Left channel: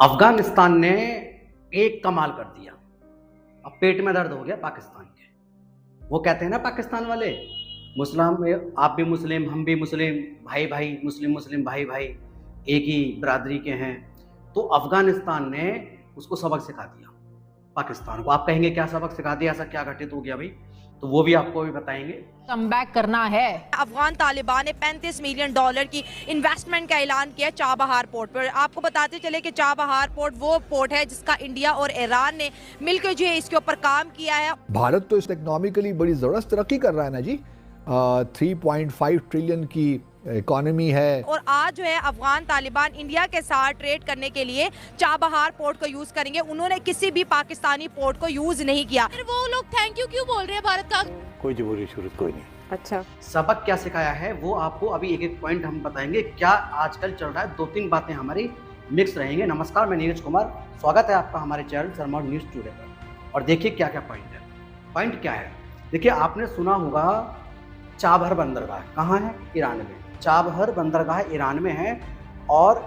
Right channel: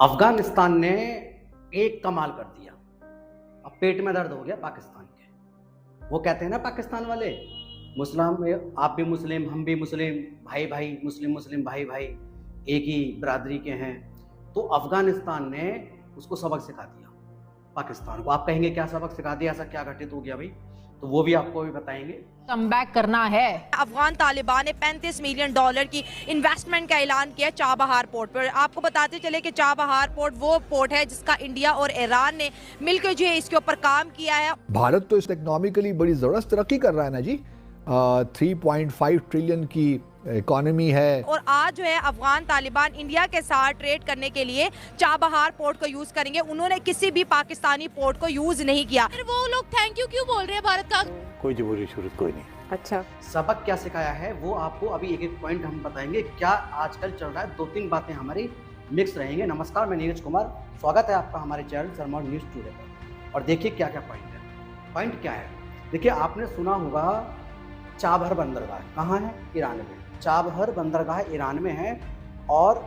अफगानिस्तान ने एक कमाल कर दिया। अब पेट में दर्द हो गया पाकिस्तान के। वो कहते हैं ना पाकिस्तान वाले, मुस्लिम में आप भी मुस्लिम, हम भी मुस्लिम, भाई भाई, मुस्लिम मुस्लिम भाई भाई, एक ही बरादरी के हैं। तो अफगानिस्तान ने उसको सबक सिखा दिया पाकिस्तान को। आप कहेंगे क्या सबक सिखा दिया, ऐसा क्या घटित हो गया भाई? तो वो भी आपको भी बताएंगे। कमबैक करना है। अफगान तालिबान ने $35 मिलियन की इन्वेस्टमेंट का ऐलान किया चाबहार पोर्ट पर। आपको बताते चले कि चाबहार पोर्ट वो पोर्ट है जिसका इंडिया और ईरान ने मिलकर जो है इसके ऊपर काम किया है। भारत तो इस इकोनॉमिकली बड़ी ज़बरदस्त तरक्की कर रहा है ना जी। 3.5 ट्रिलियन की इकोनॉमी है। और आज जो है अफगान तालिबान इंडिया के साथ ट्रेड करने के लिए चाबहार पोर्ट को यूज करेंगे। उन्होंने किसी भी पाकिस्तानी पोर्ट को यूज नहीं किया। फिर वो लोग थैंक यू क्यों बोल रहे हैं भारत का? कोई जरूरी जरूरत कोई नहीं। अच्छा, सबक क्या सिखाया है वो आपको अभी एक एक पॉइंट हम बताएंगे। क्या आजकल चल रहा है, 2-3 बातें हमारी मिक्स रहेंगे। नमस्कार, मैं नीरज कुमार, स्वागत है आपका हमारे चैनल सरमौर न्यूज टुडे पर। और देखिए क्या क्या पॉइंट है। पॉइंट क्या है, देखिए आपने सुना होगा चाबहार बंदरगाह कहाँ है? ईरान में। चाबहार बंदरगाह ईरान में है। और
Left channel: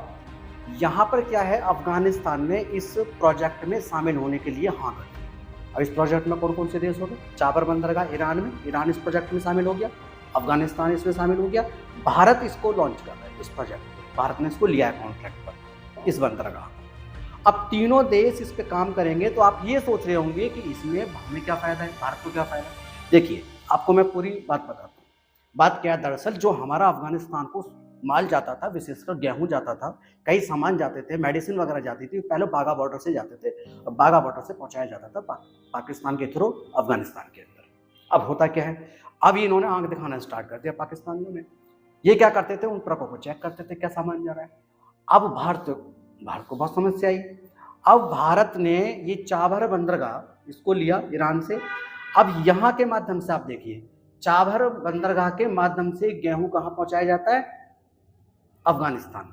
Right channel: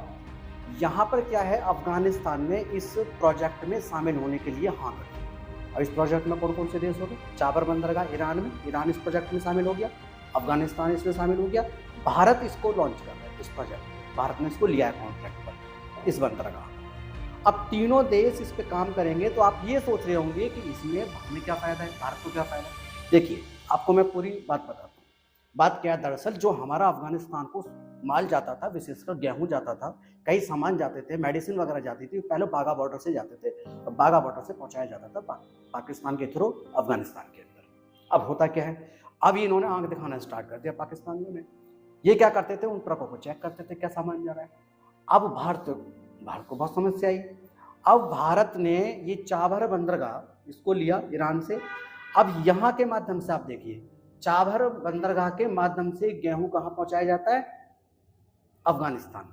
यहाँ पर क्या है, अफगानिस्तान ने इस प्रोजेक्ट में शामिल होने के लिए हाँ कर दी। और इस प्रोजेक्ट में कौन कौन से देश हो गए? चाबहार बंदरगाह ईरान में, ईरान इस प्रोजेक्ट में शामिल हो गया, अफगानिस्तान इसमें शामिल हो गया, भारत इसको लॉन्च कर रहा है। इस प्रोजेक्ट भारत ने इसको लिया है कॉन्ट्रैक्ट पर, इस बंदरगाह। अब तीनों देश इस पे काम करेंगे। तो आप ये सोच रहे होंगे कि इसमें हमें क्या फ़ायदा है, भारत को क्या फ़ायदा है। देखिए आपको मैं पूरी बात बताता हूँ। बात क्या है, दरअसल जो हमारा अफगानिस्तान को माल जाता था, विशेषकर गेहूं जाता था, कई सामान जाते थे, मेडिसिन वगैरह जाती थी, पहले बाघा बॉर्डर से जाते थे। अब बाघा बॉर्डर से पहुंचाया जाता था पाकिस्तान के थ्रू अफगानिस्तान के अंदर। अब होता क्या है, अब इन्होंने आंख दिखाना स्टार्ट कर दिया पाकिस्तानियों ने। ये क्या करते थे, उन ट्रकों को चेक करते थे क्या सामान जा रहा है। अब भारत को बहुत समस्या आई। अब भारत ने ये चाबहार बंदरगाह इसको लिया ईरान से। अब यहाँ के माध्यम से आप देखिए, चाबहार बंदरगाह के माध्यम से गेहूं कहाँ पहुंचाया जाता है? अफगानिस्तान।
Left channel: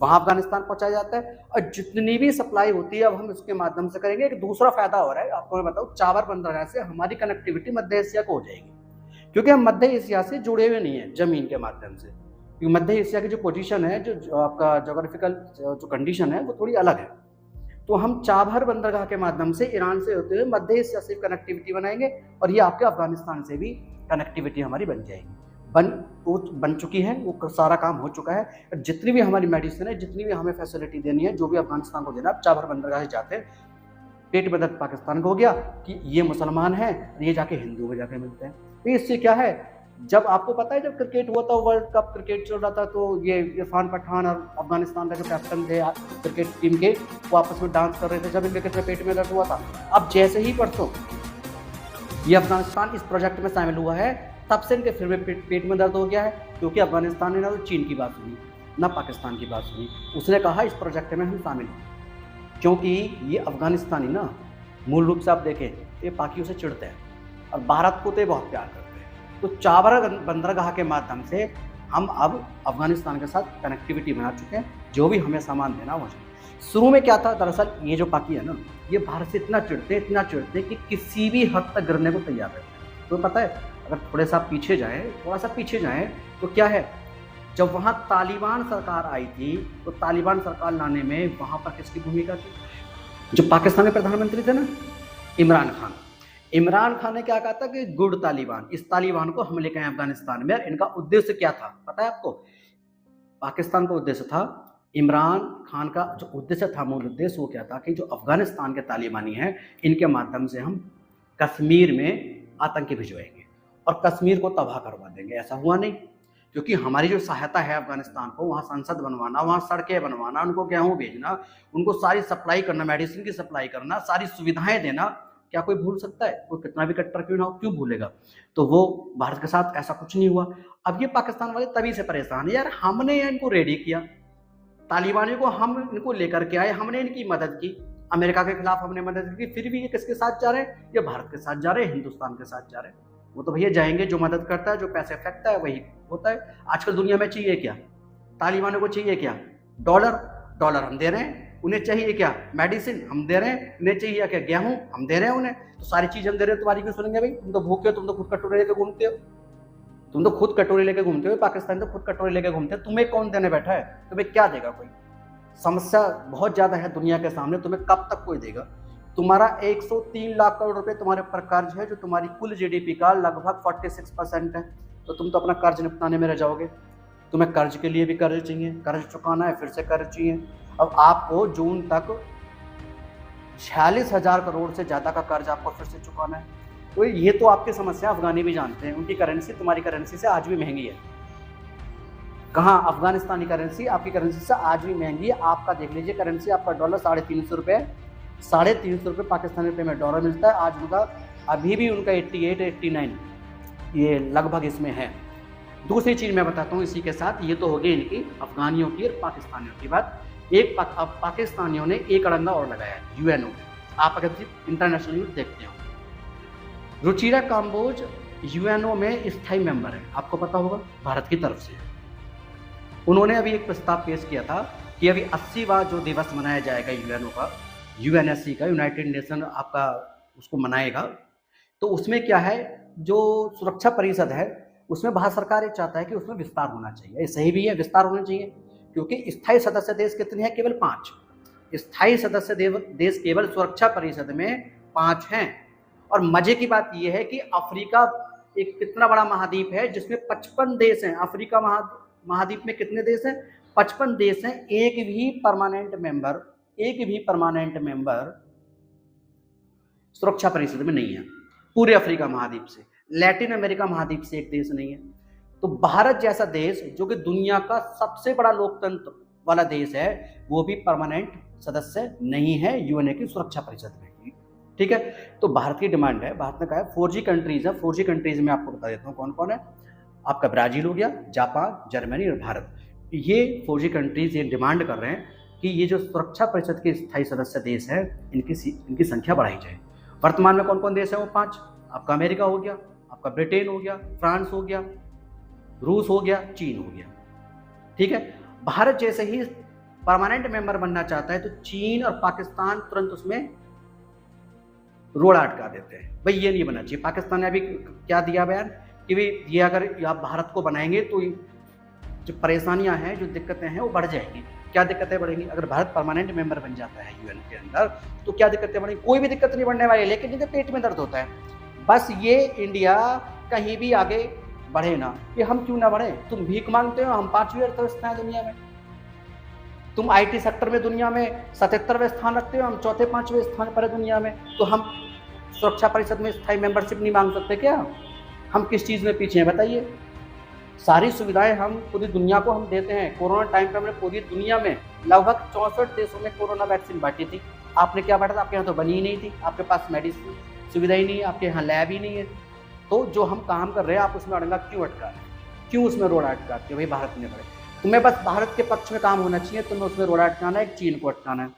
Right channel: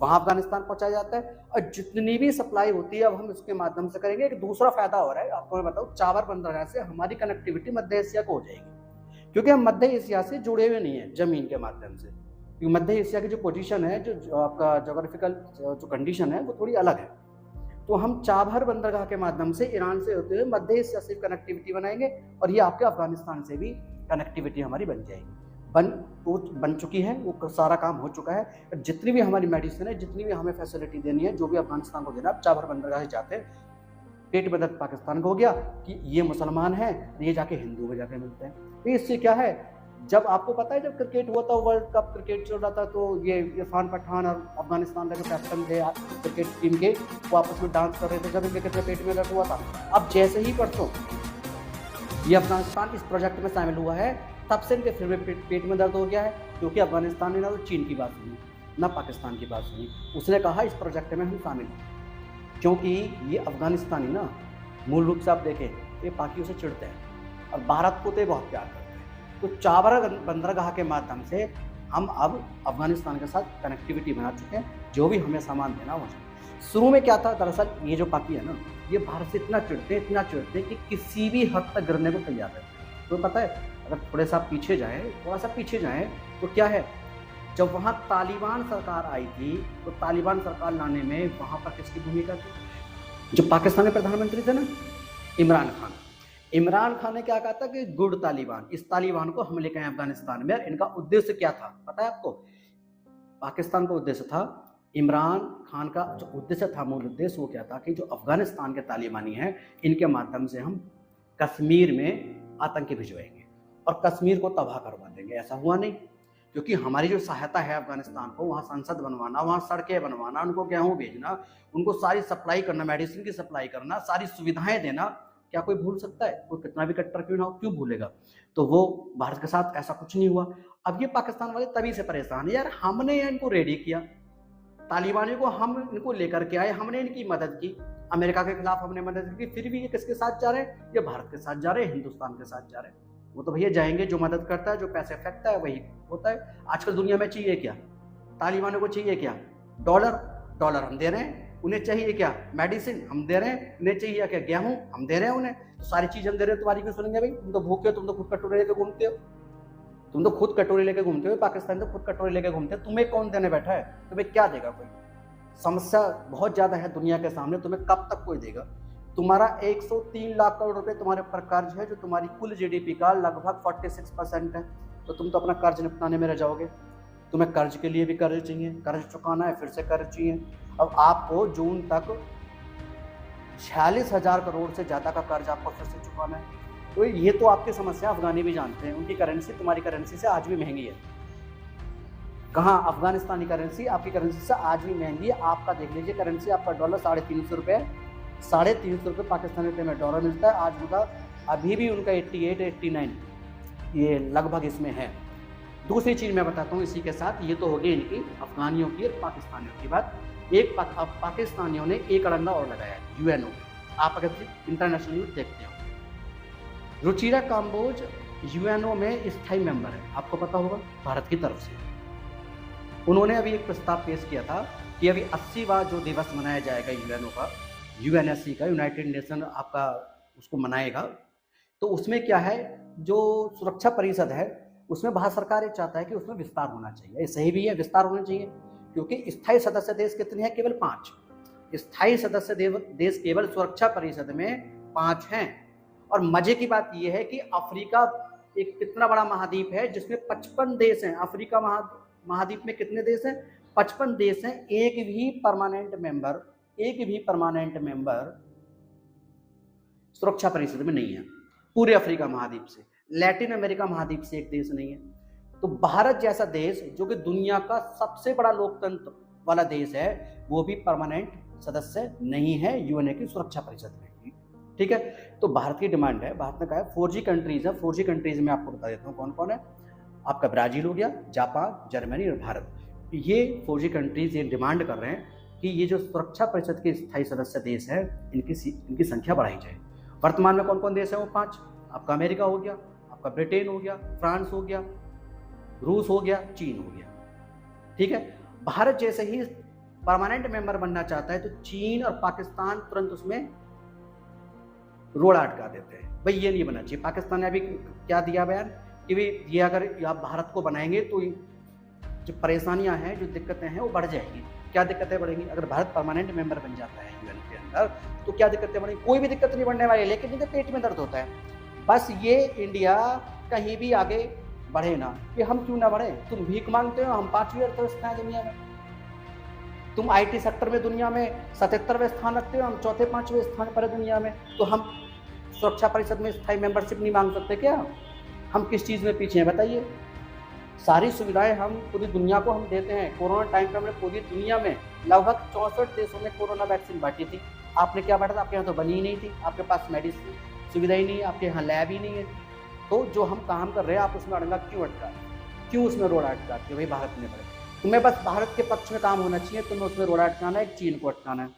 वहां अफगानिस्तान पहुंचाया जाता है। और जितनी भी सप्लाई होती है अब हम इसके माध्यम से करेंगे। एक दूसरा फायदा हो रहा है आपको मैं बताऊं, चाबहार बंदरगाह से हमारी कनेक्टिविटी मध्य एशिया को हो जाएगी, क्योंकि हम मध्य एशिया से जुड़े हुए नहीं है जमीन के माध्यम से। क्योंकि मध्य एशिया की जो पोजीशन है, जो आपका जोग्राफिकल जो कंडीशन है, वो थोड़ी अलग है। तो हम चाबहार बंदरगाह के माध्यम से ईरान से होते हुए मध्य एशिया से कनेक्टिविटी बनाएंगे। और ये आपके अफगानिस्तान से भी कनेक्टिविटी हमारी बन जाएगी। बन चुकी है, वो सारा काम हो चुका है। जितनी भी हमारी मेडिसिन है, जितनी भी हमें फैसिलिटी देनी है, जो भी अफगानिस्तान को देना, चाबहार बंदरगाह से जाते हैं। पेट में दर्द पाकिस्तान को हो गया कि ये मुसलमान हैं, ये जाके हिंदू में जाके मिलते हैं। तो इससे क्या है, जब आपको पता है जब क्रिकेट हुआ था, वर्ल्ड कप क्रिकेट चल रहा था, तो ये इरफान पठान और अफगानिस्तान के कैप्टन थे क्रिकेट टीम के, वो आपस में डांस कर रहे थे जब इनके पेट में दर्द हुआ था। अब जैसे ही परसों ये अफगानिस्तान इस प्रोजेक्ट में शामिल हुआ है, तब से इनके फिर में पेट में दर्द हो गया है। क्योंकि अफगानिस्तान ने ना तो चीन की बात सुनी, ना पाकिस्तान की बात सुनी। उसने कहा इस प्रोजेक्ट में हम शामिल हों, क्योंकि ये अफगानिस्तानी ना मूल रूप से आप देखें ये पाकियों से चिढ़ते हैं और भारत को तो बहुत प्यार करते हैं। तो चाबहार बंदरगाह के माध्यम से हम अब अफगानिस्तान के साथ कनेक्टिविटी बना चुके हैं। जो भी हमें सामान देना हो जाए। शुरू में क्या था, दरअसल ये जो पाकी है ना, ये भारत से इतना चिढ़ते कि किसी भी हद तक गिरने को तैयार है। तो पता है, अगर थोड़ा सा पीछे जाएं तो क्या है, जब वहाँ तालिबान सरकार आई थी, तो तालिबान सरकार लाने में वहाँ पर किसकी भूमिका थी? जो पाकिस्तान के प्रधानमंत्री थे ना, इमरान खान ने क्या कहा था कि गुड तालिबान, इस तालिबान को हम लेकर आए अफगानिस्तान में। और इनका उद्देश्य क्या था पता है आपको? पाकिस्तान का उद्देश्य था, इमरान खान का जो उद्देश्य था, मूल उद्देश्य वो क्या था कि जो अफगानिस्तान के तालिबानी हैं, इनके माध्यम से हम कश्मीर में आतंकी भिजवाएंगे और कश्मीर को तबाह करवा देंगे। ऐसा हुआ नहीं, क्योंकि हमारी जो सहायता है अफगानिस्तान को, वहाँ संसद बनवाना, वहाँ सड़कें बनवाना, उनको गेहूँ भेजना, उनको सारी सप्लाई करना, मेडिसिन की सप्लाई करना, सारी सुविधाएं देना, क्या कोई भूल सकता है? कोई कितना भी कट्टर क्यों ना हो, क्यों भूलेगा? तो वो भारत के साथ ऐसा कुछ नहीं हुआ। अब ये पाकिस्तान वाले तभी से परेशान है, यार हमने इनको रेडी किया, तालिबानियों को हम इनको लेकर के आए, हमने इनकी मदद की, अमेरिका के खिलाफ हमने मदद की, फिर भी ये किसके साथ जा रहे हैं? ये भारत के साथ जा रहे हैं, हिंदुस्तान के साथ जा रहे हैं। वो तो भैया जाएंगे, जो मदद करता है, जो पैसे फेंकता है, वही होता है। आजकल दुनिया में चाहिए क्या? तालिबानों को चाहिए क्या? डॉलर हम दे रहे हैं। उन्हें चाहिए क्या? मेडिसिन हम दे रहे हैं। उन्हें चाहिए क्या? गेहूं हम दे रहे हैं उन्हें। सारी चीज हम दे रहे हैं, तुम्हारी क्यों सुनेंगे भाई? तुम तो भूखे हो, तुम तो खुद कटोरे लेके घूमते हो, पाकिस्तान तो खुद कटोरे लेके घूमते हो। तुम्हें कौन देने बैठा है? तुम्हें क्या देगा कोई? समस्या बहुत ज़्यादा है दुनिया के सामने, तुम्हें कब तक कोई देगा? तुम्हारा 103 लाख करोड़ रुपए तुम्हारे ऊपर कर्ज है, जो तुम्हारी कुल जीडीपी का लगभग 46% है। तो तुम तो अपना कर्ज निपटाने में रह जाओगे। तुम्हें कर्ज के लिए भी कर्ज चाहिए, कर्ज चुकाना है, फिर से कर्ज चाहिए। अब आपको जून तक 46,000 करोड़ से ज़्यादा का कर्ज आपको फिर से चुकाना है। तो ये तो आपकी समस्या अफगानी भी जानते हैं, उनकी करेंसी तुम्हारी करेंसी से आज भी महंगी है। कहाँ? अफगानिस्तानी करेंसी आपकी करेंसी से आज भी महंगी है। आपका देख लीजिए करेंसी, आपका डॉलर 350 रुपये, 350 रुपये पाकिस्तानी रुपये में डॉलर मिलता है। आज उनका अभी भी उनका 88-89 ये लगभग इसमें है। दूसरी चीज़ मैं बताता हूँ इसी के साथ, ये तो हो गई इनकी अफगानियों की और पाकिस्तानियों की बात। एक पाकिस्तानियों ने एक अड़ंगा और लगाया यूएनओ। आप अगर इंटरनेशनल न्यूज़ देखते हो, रुचिरा काम्बोज यूएनओ में स्थायी मेंबर है, आपको पता होगा, भारत की तरफ से। उन्होंने अभी एक प्रस्ताव पेश किया था कि अभी 80वां जो दिवस मनाया जाएगा यूएनओ का, यूएनएससी का, यूनाइटेड नेशन आपका उसको मनाएगा। तो उसमें क्या है, जो सुरक्षा परिषद है उसमें भारत सरकार ये चाहता है कि उसमें विस्तार होना चाहिए। ये सही भी है, विस्तार होना चाहिए, क्योंकि स्थायी सदस्य देश कितने हैं? केवल 5 स्थायी सदस्य देश केवल सुरक्षा परिषद में 5 हैं। और मजे की बात यह है कि अफ्रीका एक कितना बड़ा महाद्वीप है जिसमें 55 देश हैं। अफ्रीका महाद्वीप में कितने देश हैं? 55 देश हैं। एक भी परमानेंट मेंबर सुरक्षा परिषद में नहीं है पूरे अफ्रीका महाद्वीप से। लैटिन अमेरिका महाद्वीप से एक देश नहीं है। तो भारत जैसा देश जो कि दुनिया का सबसे बड़ा लोकतंत्र वाला देश है, वो भी परमानेंट सदस्य नहीं है यूएनए की सुरक्षा परिषद में। ठीक है, तो भारत की डिमांड है, भारत ने कहा है 4G कंट्रीज है। 4G कंट्रीज में आपको बता देता हूँ कौन कौन है। आपका ब्राजील हो गया, जापान, जर्मनी और भारत। ये 4G कंट्रीज ये डिमांड कर रहे हैं कि ये जो सुरक्षा परिषद के स्थायी सदस्य देश हैं, इनकी संख्या बढ़ाई जाए। वर्तमान में कौन कौन देश है? वो 5। आपका अमेरिका हो गया, आपका ब्रिटेन हो गया, फ्रांस हो गया, रूस हो गया, चीन हो गया। ठीक है, भारत जैसे ही परमानेंट मेंबर बनना चाहता है तो चीन और पाकिस्तान तुरंत उसमें रोड़ा अटका देते हैं। भाई ये नहीं बनना चाहिए। पाकिस्तान ने अभी क्या दिया बयान कि भाई ये अगर आप भारत को बनाएंगे तो जो परेशानियां हैं, जो दिक्कतें हैं वो बढ़ जाएंगी। क्या दिक्कतें बढ़ेंगी? अगर भारत परमानेंट मेंबर बन जाता है यूएन के अंदर तो क्या दिक्कतें बढ़ेंगी? कोई भी दिक्कत नहीं बढ़ने वाली, लेकिन जिनके पेट में दर्द होता है। बस ये इंडिया कहीं भी आगे बढ़े ना, ये हम क्यों ना बढ़े? तुम भीख मांगते हो, हम 5वीं अर्थव्यवस्था है दुनिया में। तुम आईटी सेक्टर में दुनिया में 77वें स्थान रखते हो, हम 4थे-5वें स्थान पर है दुनिया में। तो हम सुरक्षा परिषद में स्थायी मेंबरशिप नहीं मांग सकते क्या? हम किस चीज़ में पीछे हैं बताइए? सारी सुविधाएं हम पूरी दुनिया को हम देते हैं। कोरोना टाइम पे हमने पूरी दुनिया में लगभग 64 देशों में कोरोना वैक्सीन बांटी थी। आपने क्या बांटा था? आपके यहाँ तो बनी ही नहीं थी, आपके पास मेडिसिन सुविधा ही नहीं है, आपके यहाँ लैब ही नहीं है। तो जो हम काम कर रहे हैं आप उसमें अड़ंगा क्यों अटका रहे? क्यों उसमें रोड़ा अटकाते हो? भाई भारत में तुम्हें बस भारत के पक्ष में काम होना चाहिए, तुम्हें उसमें रोड़ा अटकाना है, चीन को अटकाना है।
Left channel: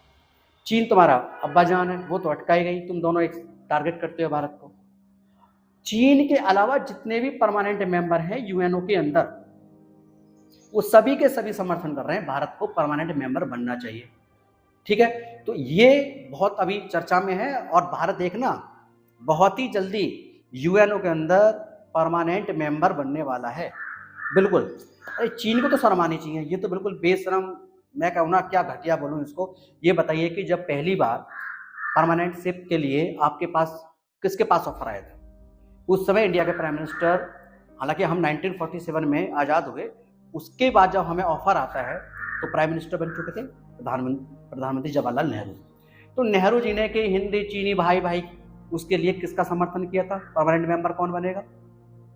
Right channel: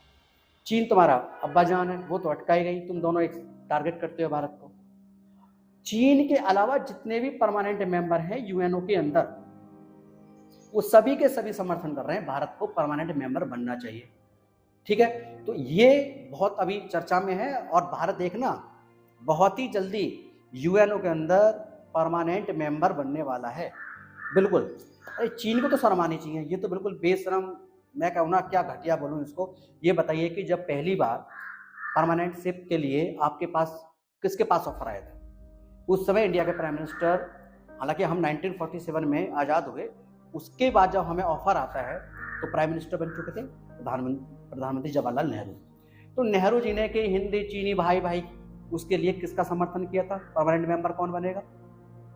चीन तुम्हारा अब्बा जान है, वो तो अटकाई गई, तुम दोनों एक टारगेट करते हो भारत को। चीन के अलावा जितने भी परमानेंट मेंबर हैं यूएनओ के अंदर, वो सभी के सभी समर्थन कर रहे हैं भारत को परमानेंट मेंबर बनना चाहिए। ठीक है, तो ये बहुत अभी चर्चा में है और भारत देखना बहुत ही जल्दी यूएनओ के अंदर परमानेंट मेंबर बनने वाला है। बिल्कुल, अरे चीन को तो शर्म आनी चाहिए, ये तो बिल्कुल बेशरम, मैं कहूँ ना क्या घटिया बोलूँ इसको। ये बताइए कि जब पहली बार परमानेंटशिप के लिए आपके पास किसके पास ऑफर आया था? उस समय इंडिया के प्राइम मिनिस्टर, हालांकि हम 1947 में आज़ाद हुए, उसके बाद जब हमें ऑफर आता है तो प्राइम मिनिस्टर बन चुके थे प्रधानमंत्री जवाहरलाल नेहरू। तो नेहरू जी ने कि हिंदी चीनी भाई भाई, उसके लिए किसका समर्थन किया था? परमानेंट मेंबर कौन बनेगा?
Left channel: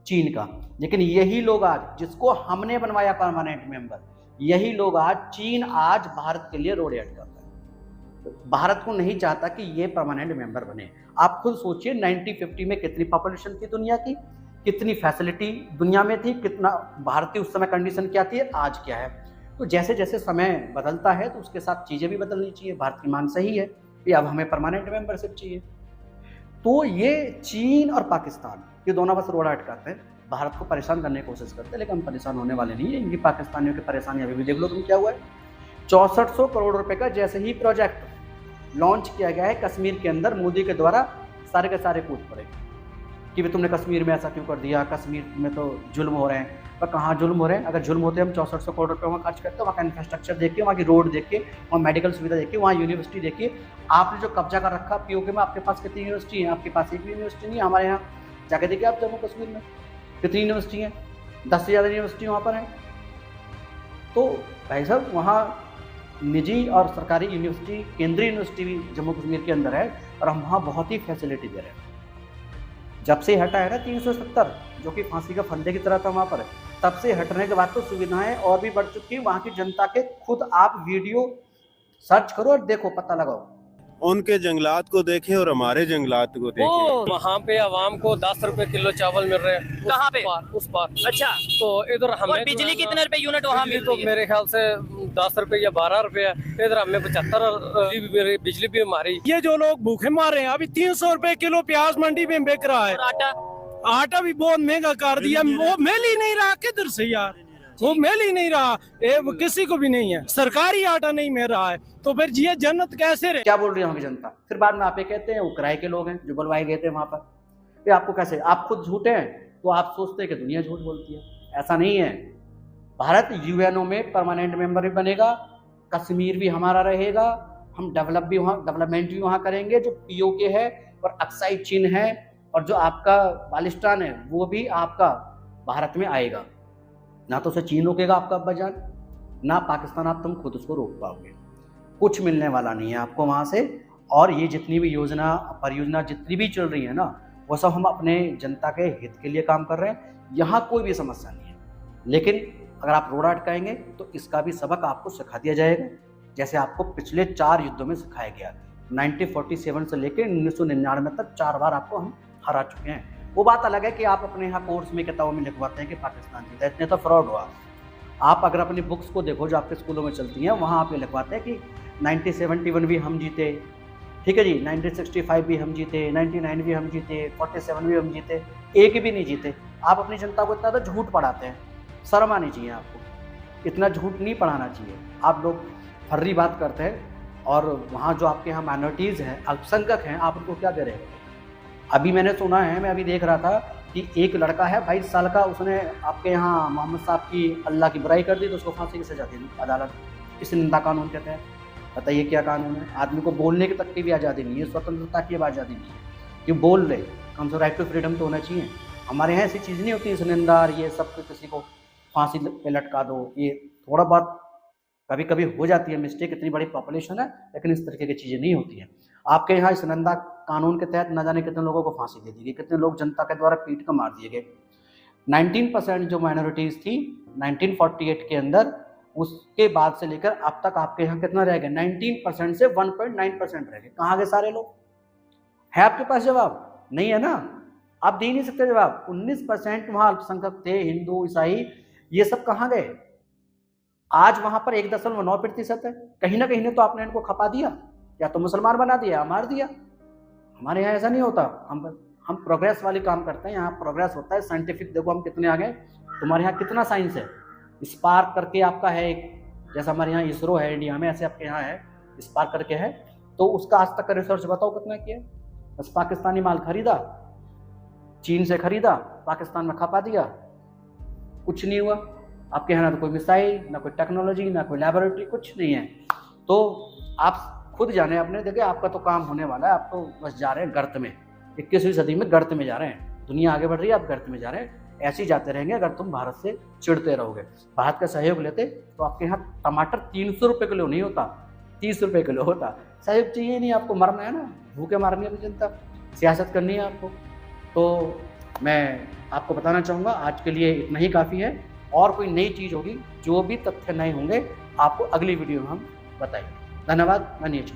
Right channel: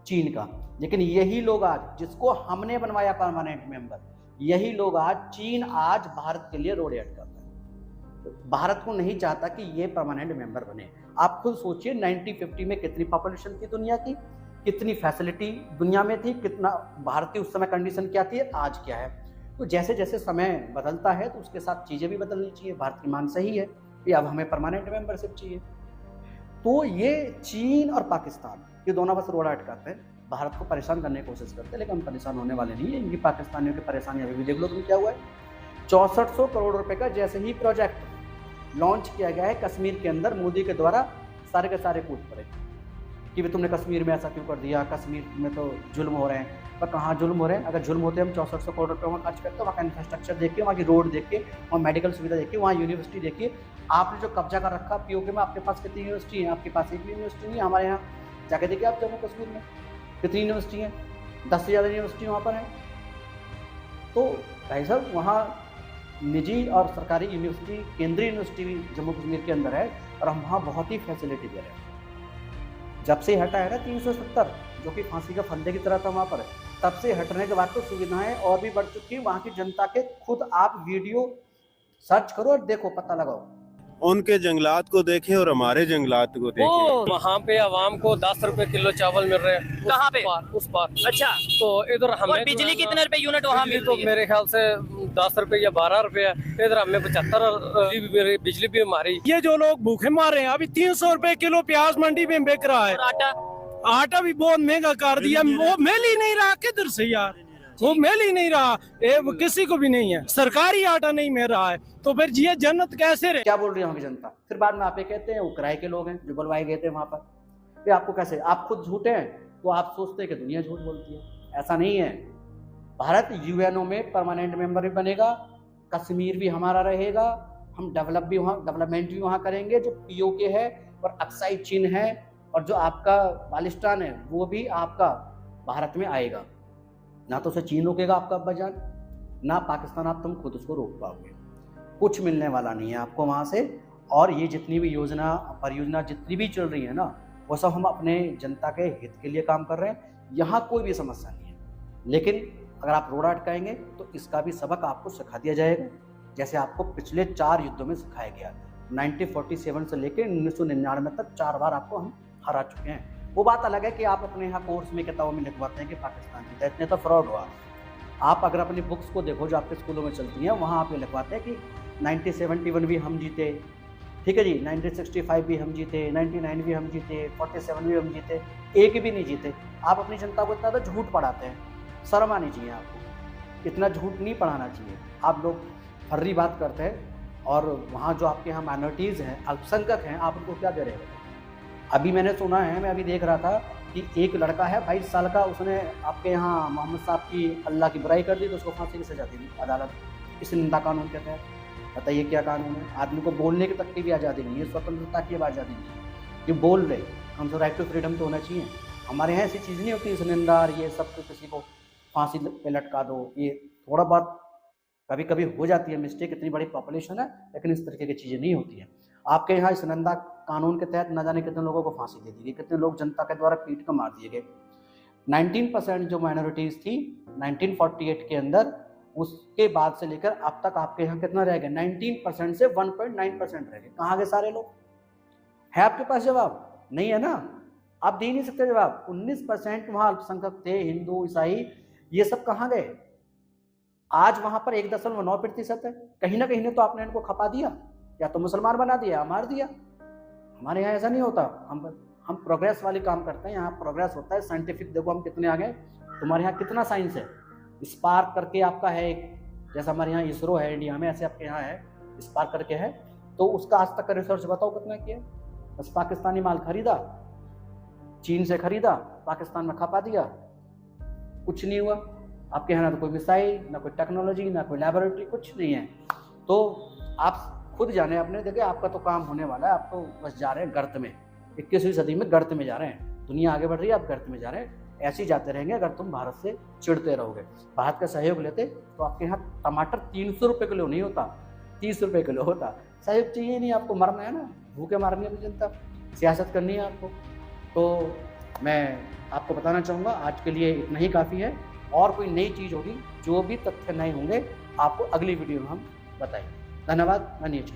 चीन का। लेकिन यही लोग आज, जिसको हमने बनवाया परमानेंट मेंबर, यही लोग आज, चीन आज भारत के लिए रोड़े अटकाता है। भारत को नहीं चाहता कि ये परमानेंट मेंबर बने। आप खुद सोचिए 1950 में कितनी पॉपुलेशन थी दुनिया की, कितनी फैसिलिटी दुनिया में थी, कितना भारत की उस समय कंडीशन क्या थी, आज क्या है। तो जैसे जैसे समय बदलता है तो उसके साथ चीज़ें भी बदलनी चाहिए। भारत की मांग सही है कि अब हमें परमानेंट मेंबरशिप चाहिए। तो ये चीन और पाकिस्तान ये दोनों बस रोड़ा अटकाते हैं, भारत को परेशान करने की कोशिश करते हैं, लेकिन हम परेशान होने वाले नहीं है। इनकी पाकिस्तानियों की परेशानी अभी भी देख लो तुम क्या हुआ है। 6400 करोड़ रुपए का जैसे ही प्रोजेक्ट लॉन्च किया गया है कश्मीर के अंदर, मोदी के द्वारा सारे के सारे कूद पड़े कि तुमने कश्मीर में ऐसा क्यों कर दिया, कश्मीर में तो जुल्म हो रहे हैं। पर कहाँ जुल्म हो रहे हैं। अगर जुल्म होते हम 6400 करोड़ रुपये वहाँ खर्च करते, वहाँ का इंफ्रास्ट्रक्चर देखिए, वहाँ की रोड देखिए, वहाँ मेडिकल सुविधा देखिए, वहाँ यूनिवर्सिटी देखिए। आपने जो कब्जा कर रखा पीओके में, आपके पास कितनी यूनिवर्सिटी है? आपके पास एक भी यूनिवर्सिटी नहीं है। हमारे यहाँ जाके देखिए आप जम्मू कश्मीर में कितनी यूनिवर्सिटी हैं, 10 से ज़्यादा यूनिवर्सिटी वहाँ पर है। तो भाई साहब वहाँ निजी और सरकारी यूनिवर्सिटी, केंद्रीय यूनिवर्सिटी भी जम्मू कश्मीर के अंदर है और हम वहाँ बहुत ही फैसिलिटी दे रहे हैं। जब से हटा है ना 370 जो कि फांसी का फंदे की तरह था वहाँ पर, तब से हटने के बाद तो सुविधाएं और भी बढ़ चुकी हैं। वहाँ की जनता के खुद आप वीडियो सर्च करो और देखो, पता लगाओ। उनके जंगलात को देखें और हमारे जंगलात को देखें। वहाँ पे आवाम को 10 रुपए किलो चावल मिल रहे हैं। कहाँ पे? उस पार। अच्छा, तो इधर हमें और बिजली कितने रुपए यूनिट वहाँ मिल तो रही है? मेरे ख्याल से 10 रुपए या 12 रुपए है। इधर हमें 75 बिजली भी हमारी। ये जो लोग भूखे मारे हैं, अभी 300 रुपए किलो प्याज मंडी में बिक रहा है। और आटा? आटा भी बहुत महंगा कर दिया, वो मिल ही नहीं रहा। किधर से यार, वो मिल ही नहीं रहा, किसी को भी नहीं है। सरकारी आटा नहीं मिल रहा है, तो फिर ये जन्नत कैसे रहे? क्या बोल रही है वहाँ की जनता? फिर बाद में आप ये कहते हैं वो किराए के लोग हैं जो बुलवाए गए थे वहाँ पर। फिर आपको कैसे, आप खुद झूठे हैं तो आप सोचते हैं कि दुनिया झूठ बोलती है। ऐसा नहीं है। भारत यूएनओ में परमानेंट मेंबर भी बनेगा, कश्मीर भी हमारा रहेगा, हम डेवलपमेंट भी वहाँ करेंगे। जो पीओके है और अक्साई चीन है और जो आपका बालिस्तान है वो भी आपका भारत में आएगा। ना तो उसे चीन रोकेगा आपका बाजार, ना पाकिस्तान, आप तुम खुद उसको रोक पाओगे। कुछ मिलने वाला नहीं है आपको वहाँ से। और ये जितनी भी योजना परियोजना जितनी भी चल रही है ना, वो सब हम अपने जनता के हित के लिए काम कर रहे हैं। यहाँ कोई भी समस्या नहीं है। लेकिन अगर आप रोड़ा अटकाएंगे तो इसका भी सबक आपको सिखा दिया जाएगा, जैसे आपको पिछले 4 युद्धों में सिखाया गया। 1947 से लेकर 1999 तक 4 बार आपको हम हरा चुके हैं। वो बात अलग है कि आप अपने यहाँ कोर्स में किताबों में लिखवाते हैं कि पाकिस्तान जीता, इतने तो फ्रॉड हुआ। आप अगर अपनी बुक्स को देखो जो आपके स्कूलों में चलती हैं, वहाँ आप ये लिखवाते हैं कि 1971 भी हम जीते, ठीक है जी, 1965 भी हम जीते, 99 भी हम जीते, 47 भी हम जीते, एक भी नहीं जीते। आप अपनी जनता को इतना तो झूठ पढ़ाते हैं। शर्म आनी चाहिए आपको, इतना झूठ नहीं पढ़ाना चाहिए। आप लोग फर्री बात करते हैं और वहाँ जो आपके यहाँ माइनॉरिटीज़ हैं, अल्पसंख्यक हैं, आप उनको क्या दे रहे हैं? अभी मैंने सुना है, मैं अभी देख रहा था कि एक लड़का है 22 साल का, उसने आपके यहाँ मोहम्मद साहब की अल्लाह की बुराई कर दी तो उसको फांसी की सजा दी अदालत। इस निंदा कानून कहते हैं। बताइए क्या कानून है? आदमी को बोलने की तक की भी आज़ादी नहीं है, स्वतंत्रता की भी आज़ादी नहीं है कि बोल रहे, कम से राइट टू फ्रीडम तो होना चाहिए। हमारे यहाँ ऐसी चीज़ नहीं होती, इस निंदा ये सब तो किसी को फांसी पे लटका दो। ये थोड़ा बहुत कभी कभी हो जाती है मिस्टेक, इतनी बड़ी पॉपुलेशन है, लेकिन इस तरीके की चीज़ें नहीं होती हैं। आपके यहाँ इस निंदा कानून के तहत न जाने कितने लोगों को फांसी दे दी गई, कितने लोग जनता के द्वारा पीट कर मार दिए गए। 19% जो माइनॉरिटीज़ थी 1948 के अंदर, उसके बाद से लेकर अब तक आपके यहाँ कितना रह गया? 19% से 1.9% रह गए। कहाँ गए सारे लोग? है आपके पास जवाब? नहीं है ना, आप दे नहीं सकते जवाब। 19% वहाँ अल्पसंख्यक थे, हिंदू ईसाई, ये सब कहाँ गए? आज वहाँ पर 1.9% है। कहीं ना कहीं ने तो आपने इनको खपा दिया, या तो मुसलमान बना दिया या मार दिया। हमारे यहाँ ऐसा नहीं होता, हम प्रोग्रेस वाली काम करते हैं। यहाँ प्रोग्रेस होता है साइंटिफिक। देखो हम कितने आगे, तुम्हारे यहाँ कितना साइंस है। स्पार्क करके आपका है एक, जैसा हमारे यहाँ इसरो है इंडिया में, ऐसे आपके यहाँ है स्पार्क करके है। तो उसका आज तक का रिसर्च बताओ कितना किया? बस पाकिस्तानी माल खरीदा, चीन से खरीदा, पाकिस्तान में खपा दिया, कुछ नहीं हुआ। आपके यहाँ ना तो कोई मिसाइल, ना कोई टेक्नोलॉजी, ना कोई लैबोरेटरी, कुछ नहीं है। तो आप खुद जाने अपने, देखिए आपका तो काम होने वाला है। आप तो बस जा रहे हैं गर्त में, 21वीं सदी में गर्त में जा रहे हैं। दुनिया आगे बढ़ रही है, आप गर्त में जा रहे हैं। ऐसे ही जाते रहेंगे अगर तुम भारत से चिढ़ते रहोगे। भारत का सहयोग लेते तो आपके यहाँ टमाटर 300 रुपये किलो नहीं होता, 30 रुपये किलो होता। सहयोग चाहिए नहीं आपको, मरना है ना, भूखे मारनी है जनता, सियासत करनी है आपको। तो मैं आपको बताना चाहूँगा आज के लिए इतना ही काफ़ी है। और कोई नई चीज़ होगी, जो भी तथ्य नए होंगे, आपको अगली वीडियो में हम बताएंगे। धन्यवाद। मैं नीचे